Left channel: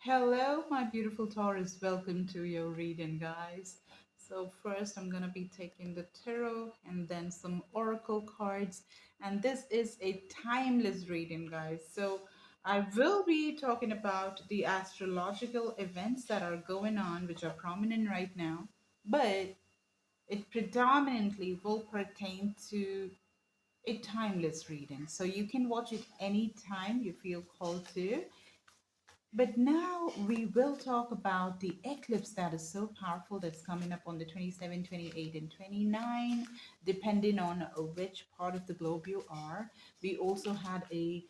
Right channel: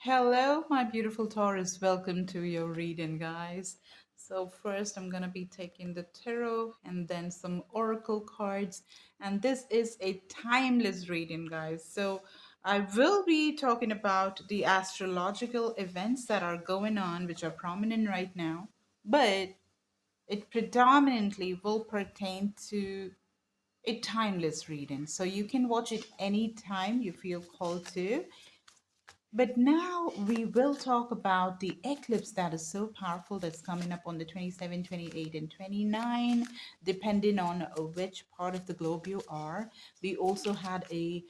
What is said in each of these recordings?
Hello, my beautiful Taurus. Welcome to your reading, guys. So, first, I'm going to be taking the tarot and then some oracle cards. And this is a timeless reading, guys. So, I will be talking about the astrological events that are going on, which are prominent right now, but it predominantly will pertain to a timeless reading. So, you can watch it anytime you feel called to. But now we will talk about the eclipse that is so powerful that's coming up on the 27, 28, and 29, depending on which part of the globe you are. We also had a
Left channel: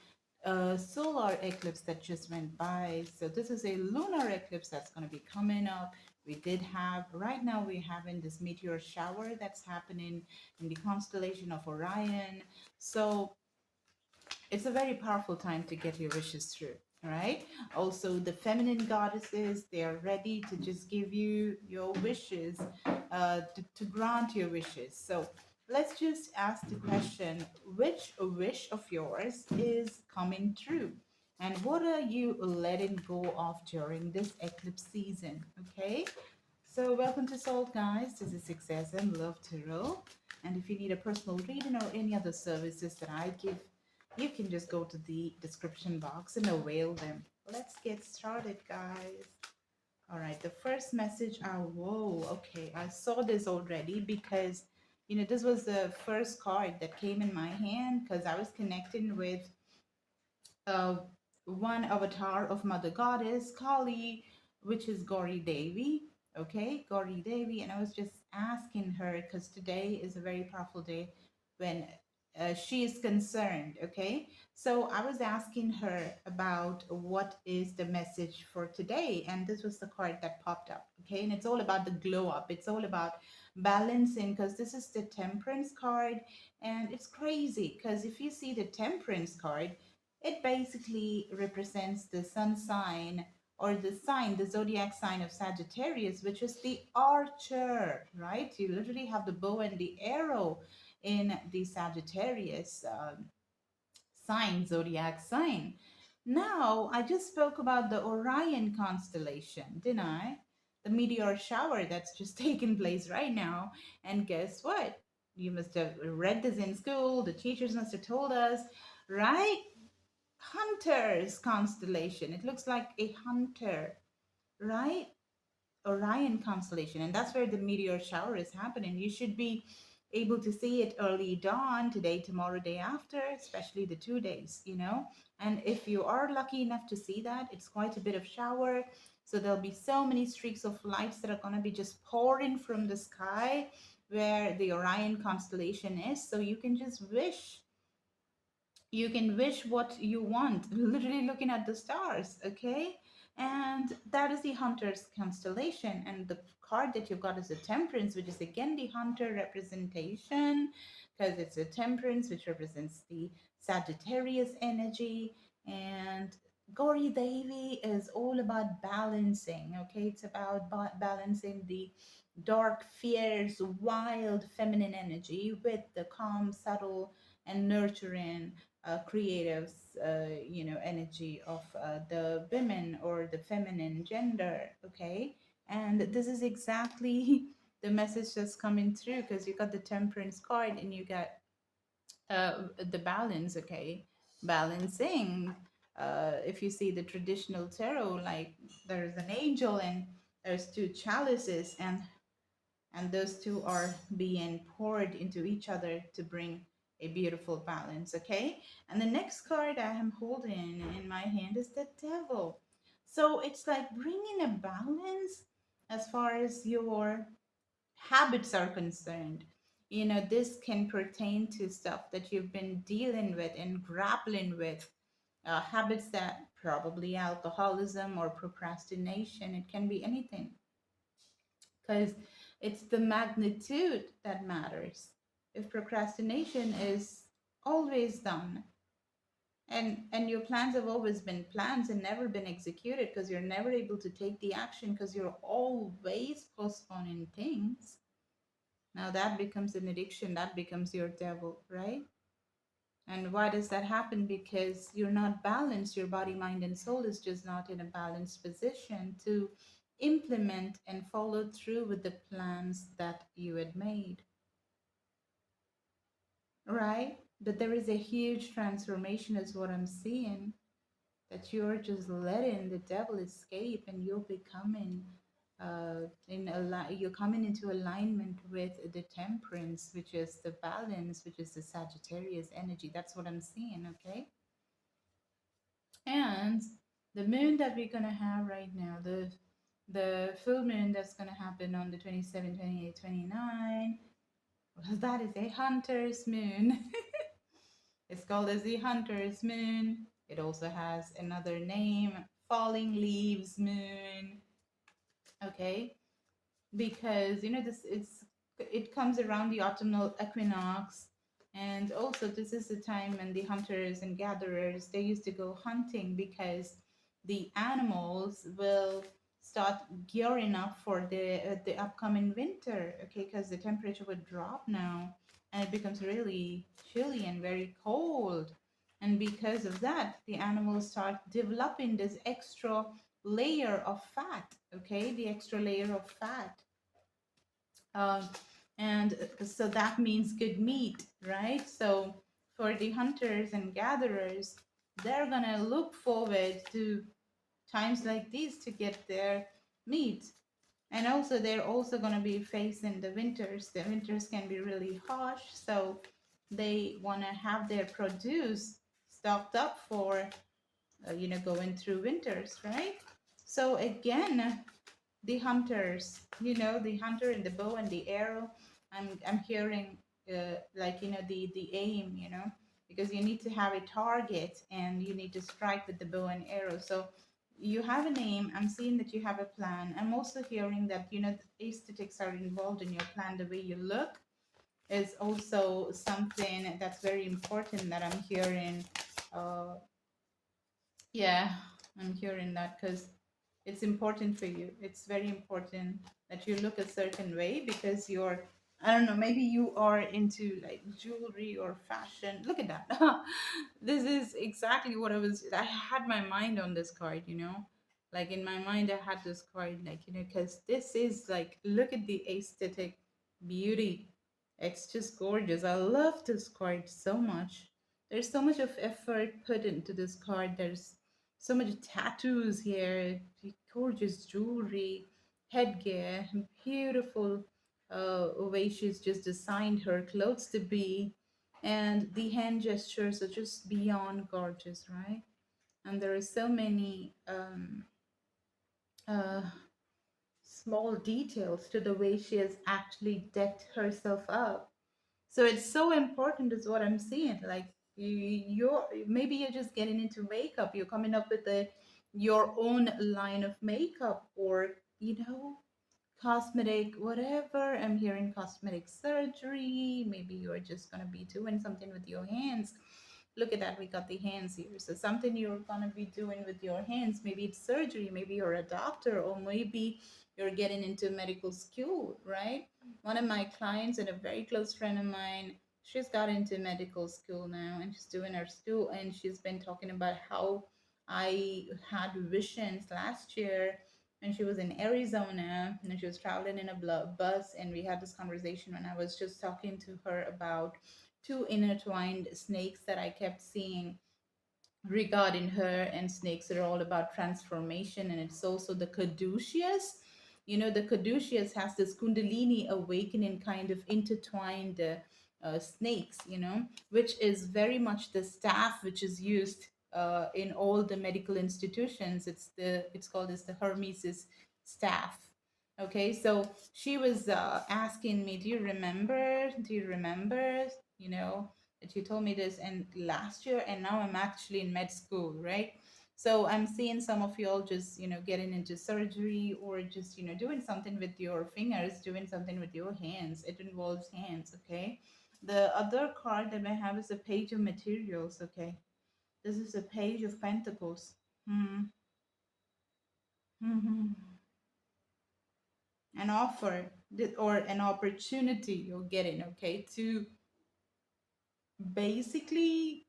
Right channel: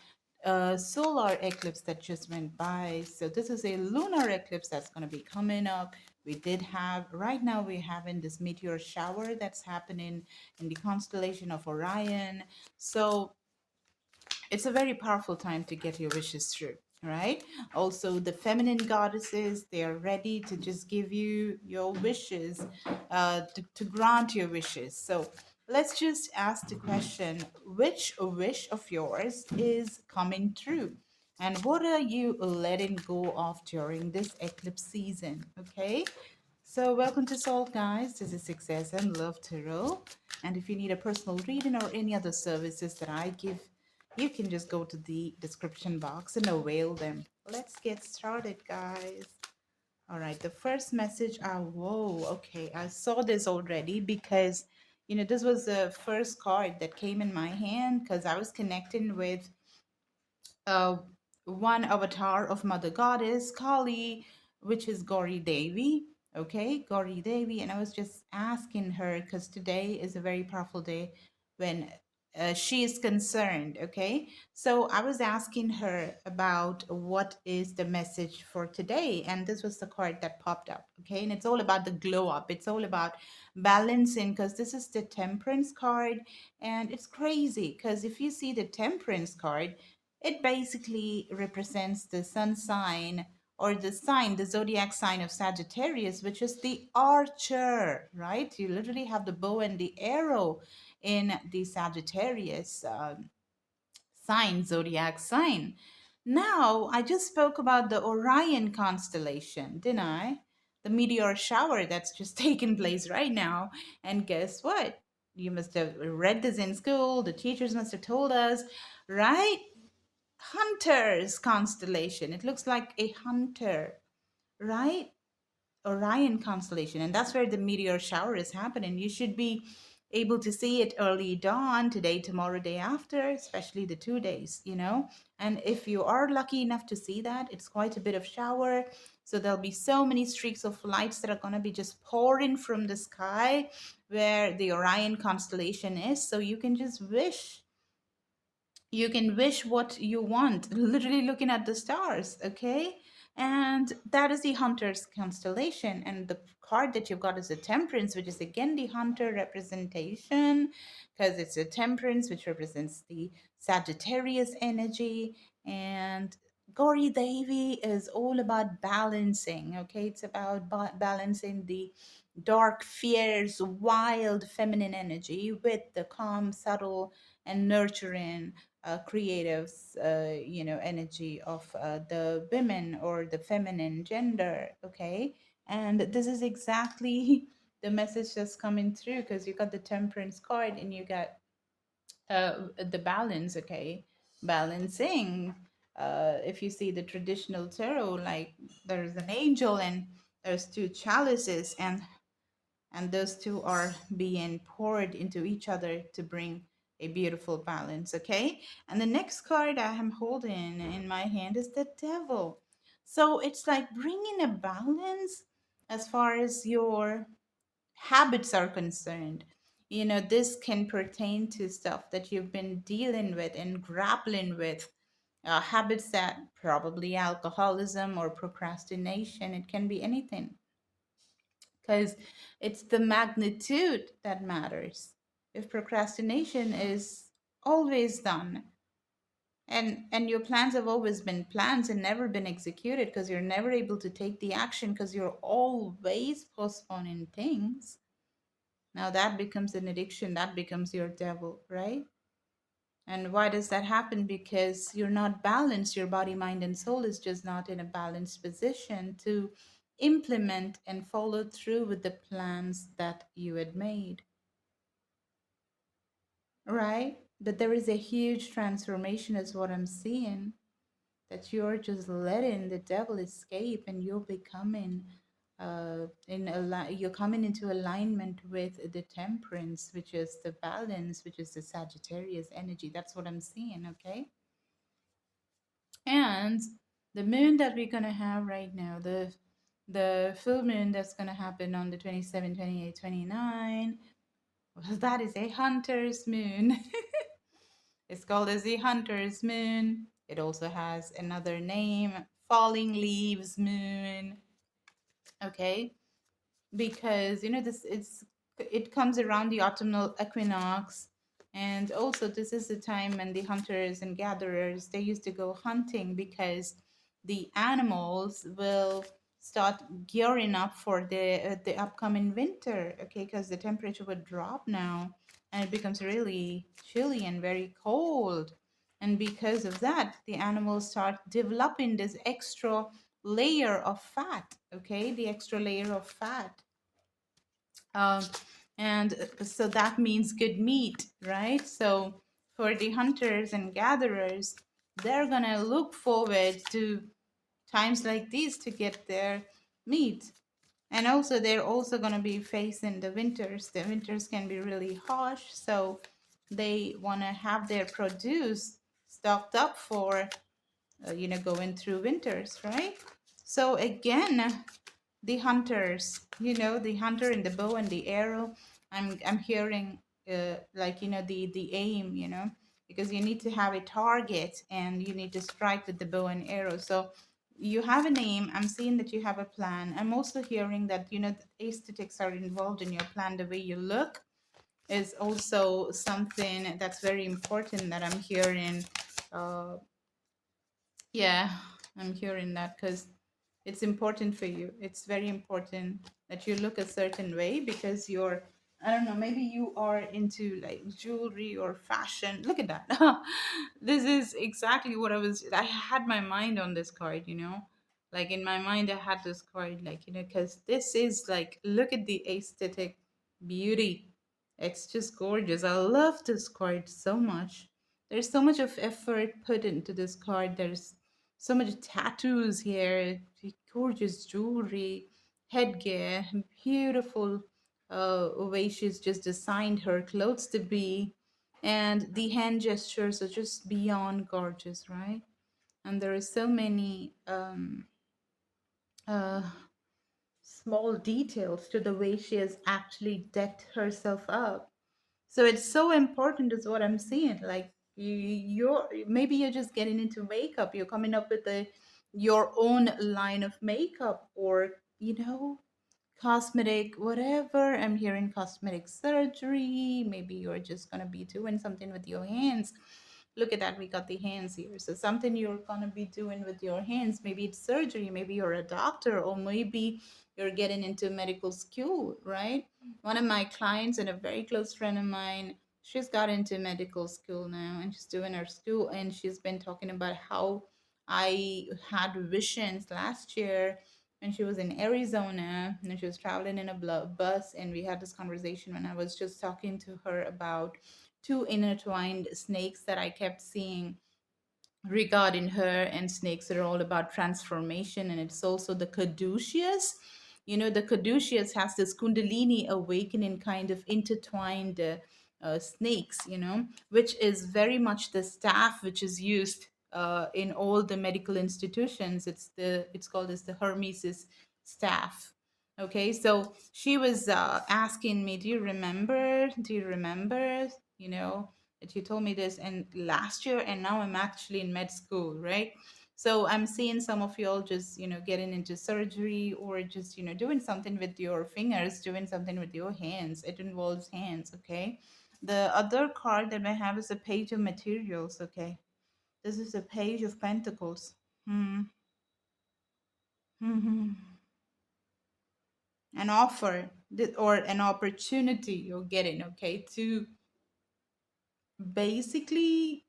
solar eclipse that just went by. So this is a lunar eclipse that's going to be coming up. We did have, right now, we're having this meteor shower that's happening in the constellation of Orion. So it's a very powerful time to get your wishes through. All right. Also, the feminine goddesses, they are ready to just give you your wishes, to grant your wishes. So let's just ask the question, which wish of yours is coming true? And what are you letting go of during this eclipse season? Okay. So, welcome to Soul, guys. This is Success and Love Tarot. And if you need a personal reading or any other services that I give, you can just go to the description box and avail them. Let's get started, guys. All right, the first message. Whoa, okay. I saw this already because, this was the first card that came in my hand because I was connecting with uh, one avatar of Mother Goddess, Kali, which is Gauri Devi. Okay, Gauri Devi. And I was just asking her because today is a very powerful day when she is concerned. Okay, so I was asking her about what is the message for today. And this was the card that popped up. Okay, and it's all about the glow up, it's all about balancing because this is the Temperance card. And it's crazy because if you see the Temperance card, it basically represents the sun sign or the sign, the zodiac sign of Sagittarius, which is the archer, right? You literally have the bow and the arrow in the Sagittarius sign, zodiac sign. Now, I just spoke about the Orion constellation, didn't I? The meteor shower that's just taken place right now. And guess what? You must have read this in school. The teachers must have told us, right? Hunter's constellation. It looks like a hunter, right? Orion constellation. And that's where the meteor shower is happening. You should be able to see it early dawn, today, tomorrow, day after, especially the 2 days. And if you are lucky enough to see that, it's quite a bit of shower. So there'll be so many streaks of lights that are going to be just pouring from the sky where the Orion constellation is. So you can wish what you want, literally looking at the stars, okay? And that is the hunter's constellation. And the card that you've got is the Temperance, which is again the hunter representation, because it's a Temperance, which represents the Sagittarius energy. And Gauri Devi is all about balancing, okay? It's about balancing the dark, fierce, wild feminine energy with the calm, subtle, and nurturing creative, energy of the women or the feminine gender. Okay, and this is exactly the message that's coming through because you got the Temperance card and you got the balance. Okay, balancing. If you see the traditional tarot, like there's an angel and there's two chalices, and those two are being poured into each other to bring a beautiful balance. Okay, and the next card I am holding in my hand is the Devil. So it's like bringing a balance as far as your habits are concerned. This can pertain to stuff that you've been dealing with and grappling with, habits that probably alcoholism or procrastination, it can be anything, because it's the magnitude that matters. If procrastination is always done, and your plans have always been plans and never been executed because you're never able to take the action because you're always postponing things, now that becomes an addiction, that becomes your devil, right? And why does that happen? Because you're not balanced. Your body, mind, and soul is just not in a balanced position to implement and follow through with the plans that you had made, right? But there is a huge transformation, is what I'm seeing, that you're just letting the devil escape and you're becoming you're coming into alignment with the temperance, which is the balance, which is the Sagittarius energy. That's what I'm seeing, okay? And the moon that we're gonna have right now, the full moon that's gonna happen on the 27, 28, 29. Well, that is a hunter's moon. It's called as the hunter's moon. It also has another name, falling leaves moon. Okay, because this it comes around the autumnal equinox, and also this is the time when the hunters and gatherers, they used to go hunting because the animals will start gearing up for the upcoming winter, okay, because the temperature would drop now and it becomes really chilly and very cold, and because of that the animals start developing this extra layer of fat, okay, the extra layer of fat, um, and so that means good meat, right? So for the hunters and gatherers, they're gonna look forward to times like these to get their meat. And also, they're also gonna be facing the winters. The winters can be really harsh, so they wanna have their produce stocked up for, going through winters, right? So again, the hunters, the hunter and the bow and the arrow, I'm hearing like the aim, because you need to have a target and you need to strike with the bow and arrow. So you have an aim. I'm seeing that you have a plan. I'm also hearing that the aesthetics are involved in your plan. The way you look is also something that's very important that I'm hearing. Uh, yeah, I'm hearing that because it's important for you. It's very important that you look a certain way because you're, I don't know, maybe you are into like jewelry or fashion. Look at that. This is exactly what I had my mind on this card, Like in my mind, I had this card, like, because this is like, look at the aesthetic beauty. It's just gorgeous. I love this card so much. There's so much of effort put into this card. There's so much tattoos here, gorgeous jewelry, headgear, beautiful way she's just designed her clothes to be. And the hand gestures are just beyond gorgeous, right? And there are so many uh, small details to the way she has actually decked herself up. So it's so important, is what I'm seeing. Like you're maybe you're just getting into makeup. You're coming up with your own line of makeup, or cosmetic, whatever. I'm hearing cosmetic surgery. Maybe you're just gonna be doing something with your hands. Look at that, we got the hands here. So something you're gonna be doing with your hands. Maybe it's surgery. Maybe you're a doctor, or maybe you're getting into medical school, right? One of my clients and a very close friend of mine, she's got into medical school now and she's doing her school, and she's been talking about how I had visions last year when she was in Arizona and she was traveling in a bus, and we had this conversation when I was just talking to her about two intertwined snakes that I kept seeing regarding her, and snakes are all about transformation, and it's also the caduceus. The caduceus has this kundalini awakening kind of intertwined snakes, which is very much the staff which is used in all the medical institutions. It's called as the Hermesis staff. Okay, so she was asking me, do you remember, that you told me this and last year, and now I'm actually in med school, right? So I'm seeing some of y'all just getting into surgery, or just doing something with your fingers, doing something with your hands. It involves hands, okay? The other card that I have is a page of materials, okay? This is a page of pentacles. Hmm. Hmm. An offer, or an opportunity you're getting, okay, to basically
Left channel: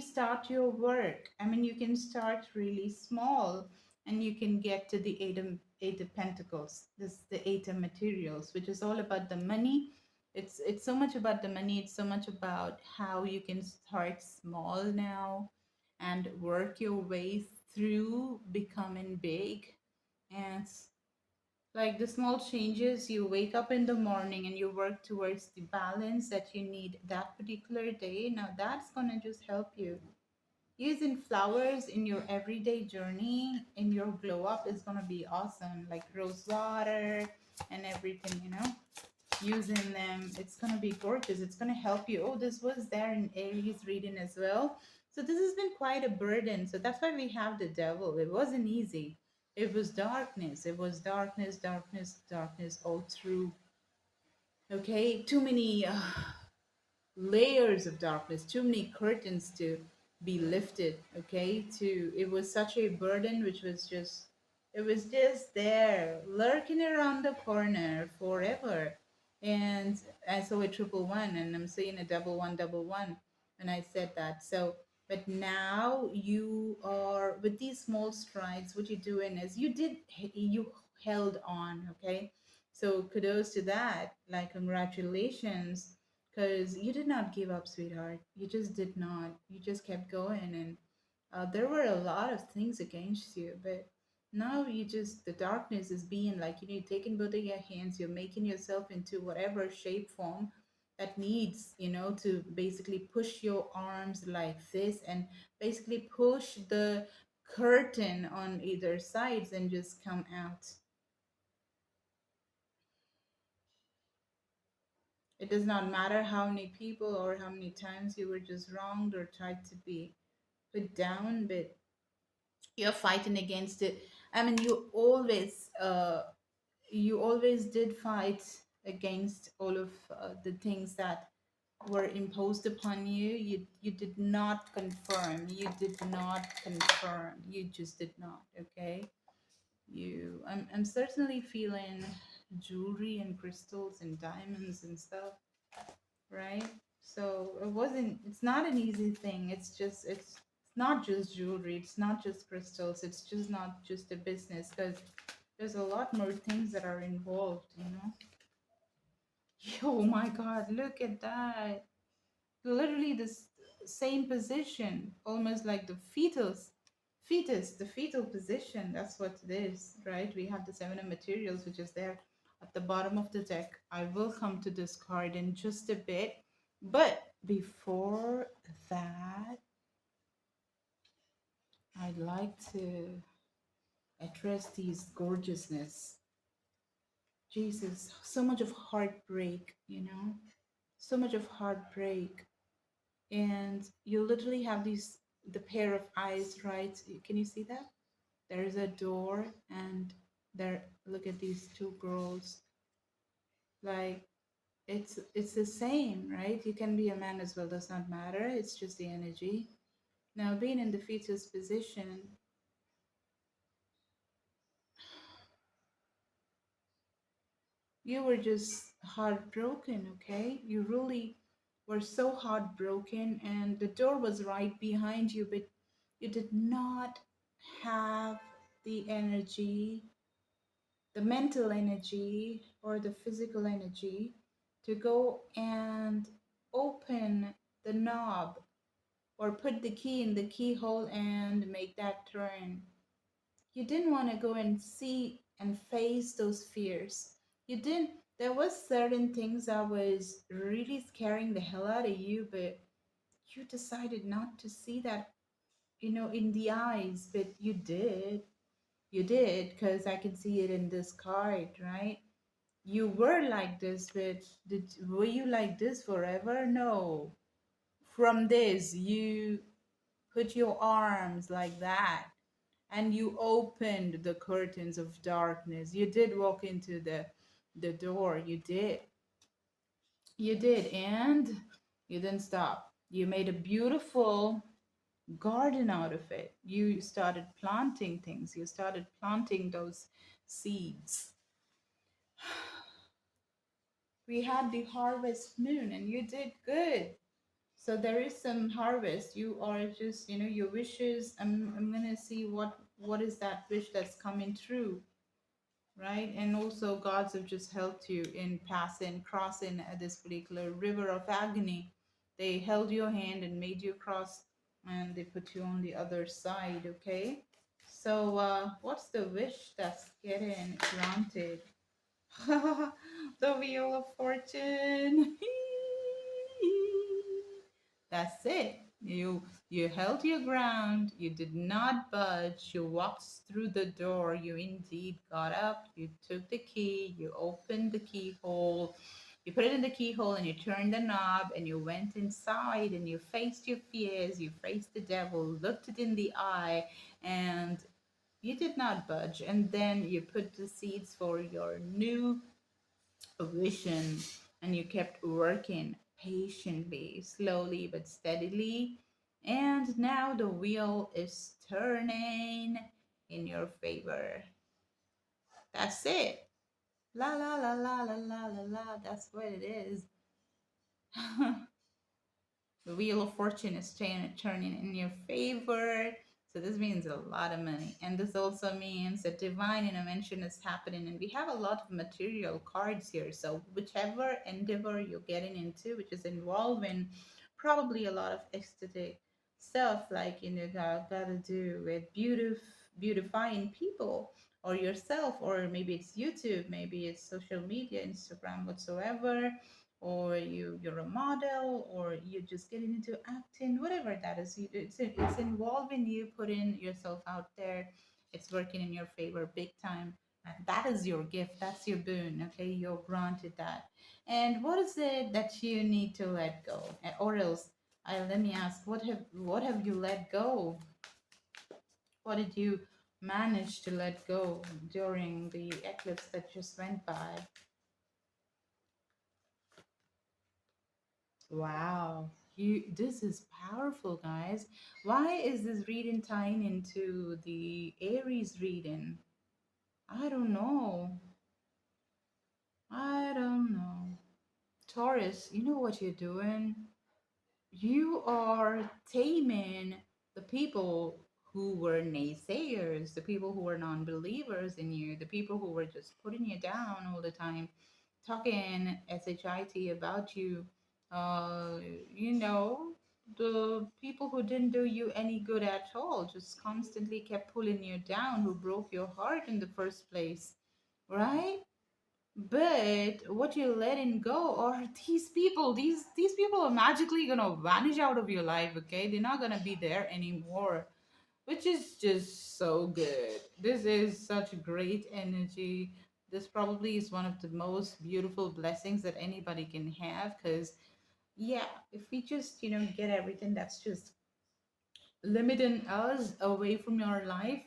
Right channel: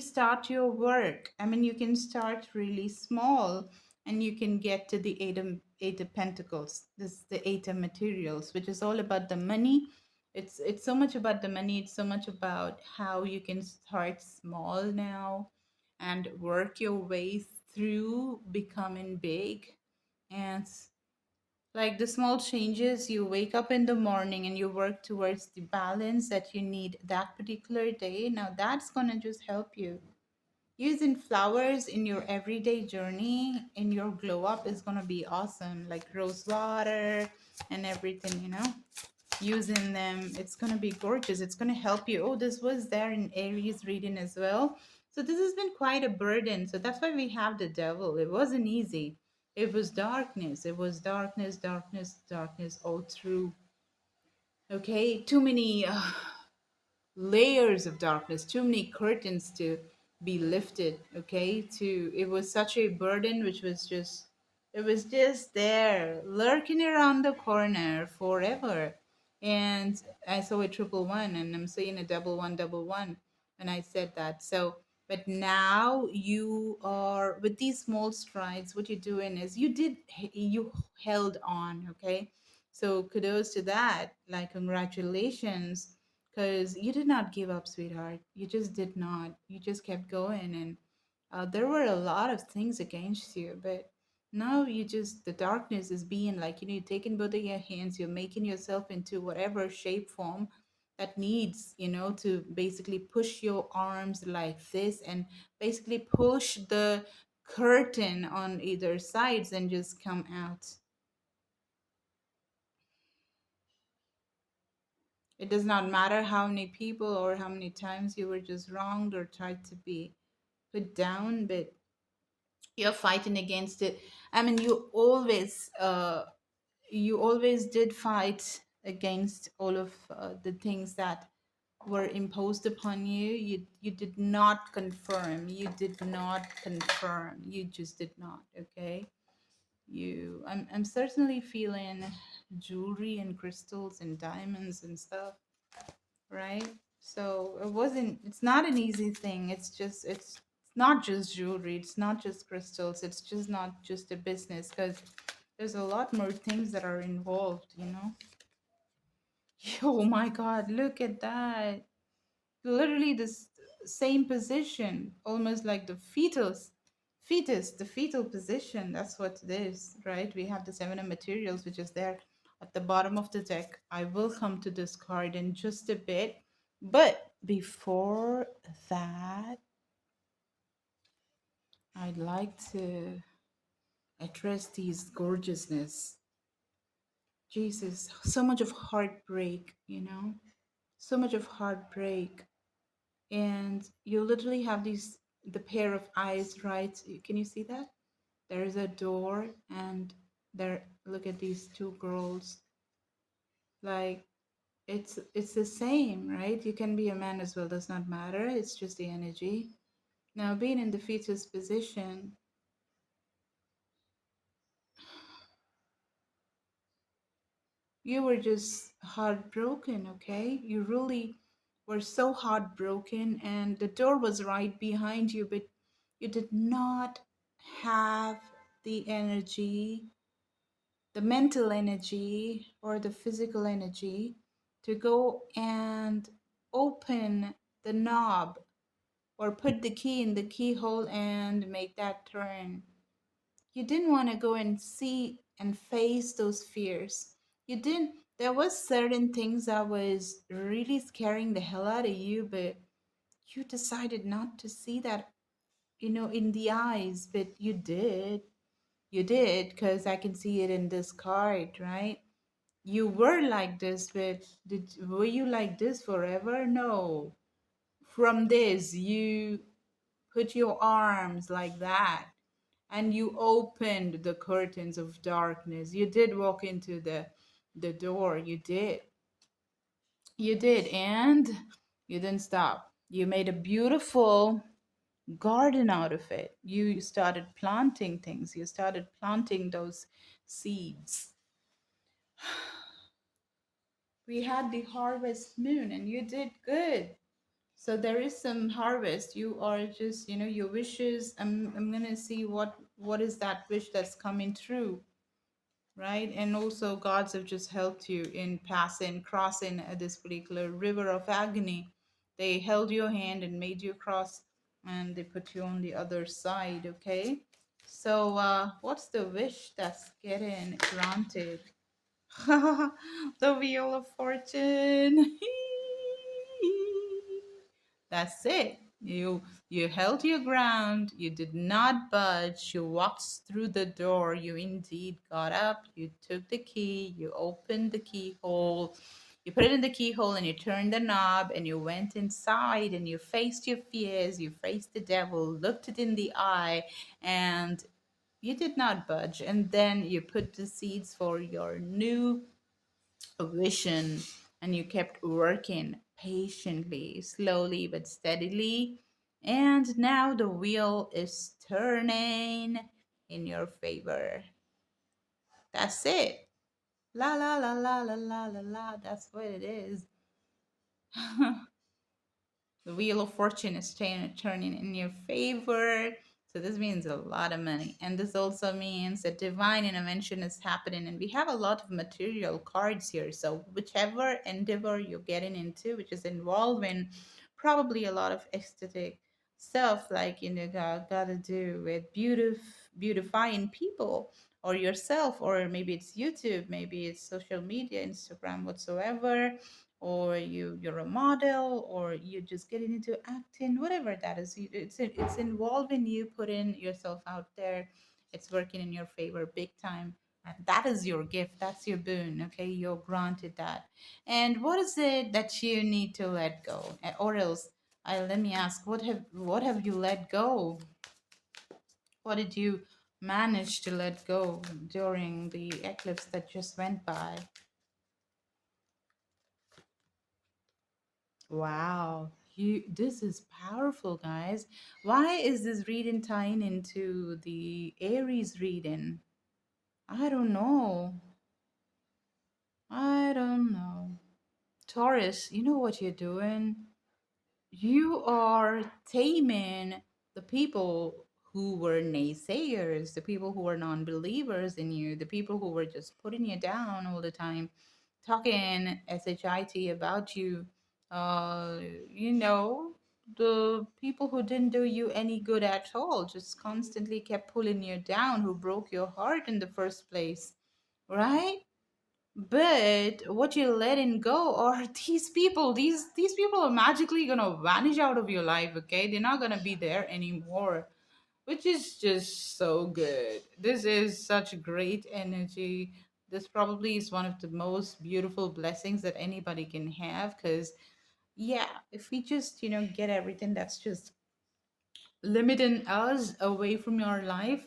start your work. I mean, you can start really small and you can get to the eight of pentacles. This is the eight of materials, which is all about the money. It's so much about the money. It's so much about how you can start small now and work your way through becoming big. And like the small changes, you wake up in the morning and you work towards the balance that you need that particular day. Now that's going to just help you. Using flowers in your everyday journey, in your glow up, is going to be awesome. Like rose water and everything, using them, it's going to be gorgeous. It's going to help you. Oh, this was there in Aries reading as well. So this has been quite a burden. So that's why we have the devil. It wasn't easy. It was darkness. It was darkness, darkness, darkness all through. Okay, too many layers of darkness, too many curtains to be lifted. Okay, to it was such a burden, which was just, it was just there, lurking around the corner forever. And I saw a triple one, and I'm seeing a double one, and I said that. So, but now you are with these small strides. What you're doing is you held on. Okay, so kudos to that. Like congratulations, because you did not give up, sweetheart. You just did not. You just kept going, and there were a lot of things against you, but now you just, the darkness is being like, you're taking both of your hands, you're making yourself into whatever shape form that needs, to basically push your arms like this and basically push the curtain on either sides and just come out. It does not matter how many people or how many times you were just wronged or tried to be put down, but you're fighting against it. I mean, you always did fight against all of the things that were imposed upon you. You did not confirm. You did not confirm. You just did not. Okay. I'm certainly feeling jewelry and crystals and diamonds and stuff, right? So it's not an easy thing. It's not just jewelry, it's not just crystals, it's just not just a business, because there's a lot more things that are involved. Oh my God, look at that. Literally this same position, almost like the the fetal position. That's what it is, right? We have the seven of materials, which is there at the bottom of the deck. I will come to this card in just a bit, but before that, I'd like to address these gorgeousness. Jesus, so much of heartbreak. So much of heartbreak. And you literally have the pair of eyes, right? Can you see that? There is a door, and there, look at these two girls. Like, it's the same, right? You can be a man as well, does not matter. It's just the energy. Now, being in the fetus position, you were just heartbroken, okay? You really were so heartbroken, and the door was right behind you, but you did not have the energy, the mental energy, or the physical energy to go and open the knob or put the key in the keyhole and make that turn. You didn't want to go and see and face those fears. You didn't, there was certain things that was really scaring the hell out of you, but you decided not to see that, in the eyes. But you did, because I can see it in this card, right? You were like this, but were you like this forever? No. From this, you put your arms like that and you opened the curtains of darkness. You did walk into the door. You did, and you didn't stop. You made a beautiful garden out of it. You started planting things. You started planting those seeds. We had the harvest moon and you did good. So there is some harvest. You are just, your wishes. I'm gonna see what is that wish that's coming true, right? And also gods have just helped you in passing, crossing this particular river of agony. They held your hand and made you cross, and they put you on the other side. Okay. So what's the wish that's getting granted? The Wheel of Fortune. That's it. You held your ground. You did not budge. You walked through the door. You indeed got up. You took the key. You opened the keyhole. You put it in the keyhole and you turned the knob and you went inside and you faced your fears. You faced the devil, looked it in the eye, and you did not budge. And then you put the seeds for your new vision and you kept working patiently, slowly but steadily. And now the wheel is turning in your favor. That's it. La la la la la la la la. That's what it is. The wheel of fortune is turning in your favor. So this means a lot of money. And this also means that divine intervention is happening. And we have a lot of material cards here. So whichever endeavor you're getting into, which is involving probably a lot of aesthetic stuff, like gotta do with beautifying people or yourself, or maybe it's YouTube, maybe it's social media, Instagram, whatsoever, or you're a model, or you're just getting into acting, whatever that is. It's involving you putting yourself out there. It's working in your favor big time, and that is your gift. That's your boon. Okay, you're granted that. And what is it that you need to let go? Or else, let me ask, what have you let go? What did you manage to let go during the eclipse that just went by? Wow, this is powerful, guys. Why is this reading tying into the Aries reading? I don't know. I don't know. Taurus, you know what you're doing? You are taming the people who were naysayers, the people who were non-believers in you, the people who were just putting you down all the time, talking shit about you. Uh, you know, the people who didn't do you any good at all, just constantly kept pulling you down, who broke your heart in the first place, right? But what you're letting go are these people. These people are magically gonna vanish out of your life. Okay, they're not gonna be there anymore, which is just so good. This is such great energy. This probably is one of the most beautiful blessings that anybody can have. Because yeah, if we just get everything that's just limiting us away from your life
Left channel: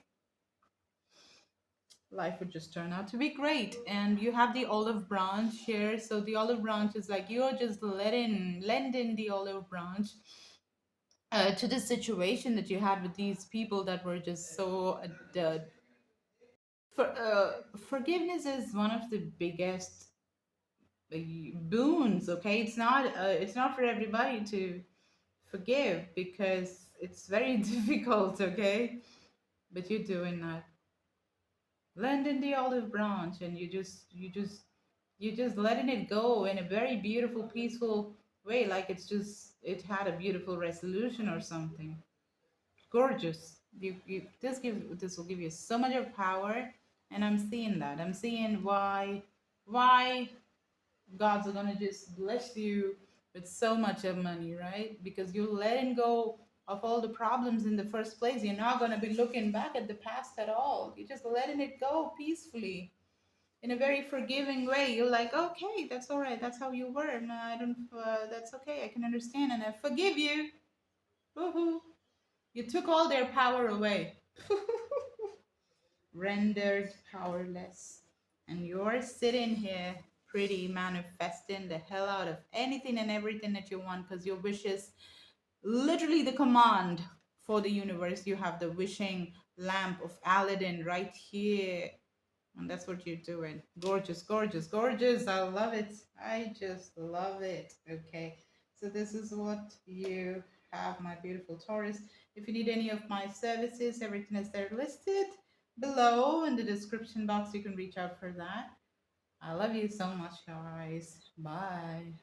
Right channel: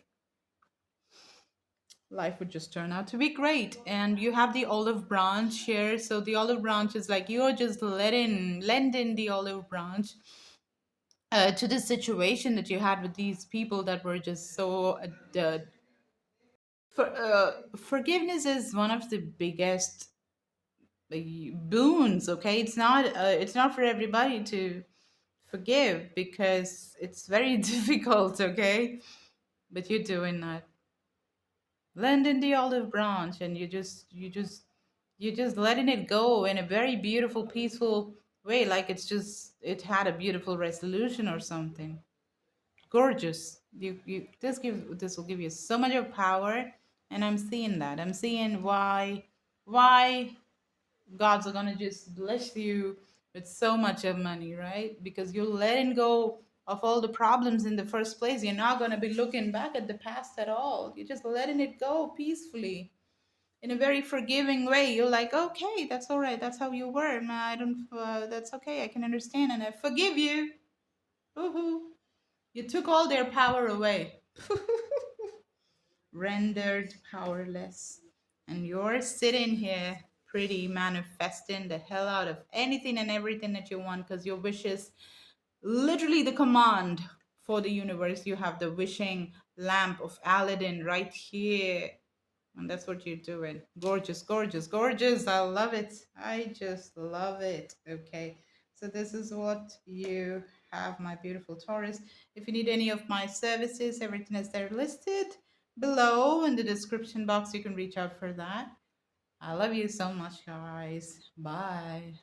would just turn out to be great. And you have the olive branch here. So the olive branch is like you're just lending the olive branch to the situation that you had with these people that were just so forgiveness is one of the biggest boons. Okay, it's not for everybody to forgive because it's very difficult. Okay, but you're doing that, lending the olive branch, and you're just letting it go in a very beautiful, peaceful way, like it had a beautiful resolution or something. Gorgeous. This will give you so much of power, and I'm seeing that. I'm seeing why God's are gonna just bless you with so much of money, right? Because you're letting go of all the problems in the first place. You're not gonna be looking back at the past at all. You're just letting it go peacefully in a very forgiving way. You're like, okay, that's all right. That's how you were. No, I don't. That's okay. I can understand, and I forgive you. Woohoo! You took all their power away, rendered powerless, and you're sitting here, pretty manifesting the hell out of anything and everything that you want, because your wish is literally the command for the universe. You have the wishing lamp of Aladdin right here. And that's what you're doing. Gorgeous, gorgeous, gorgeous. I love it. I just love it. Okay. So this is what you have, my beautiful Taurus. If you need any of my services, everything is there listed below in the description box. You can reach out for that. I love you so much, guys. Bye.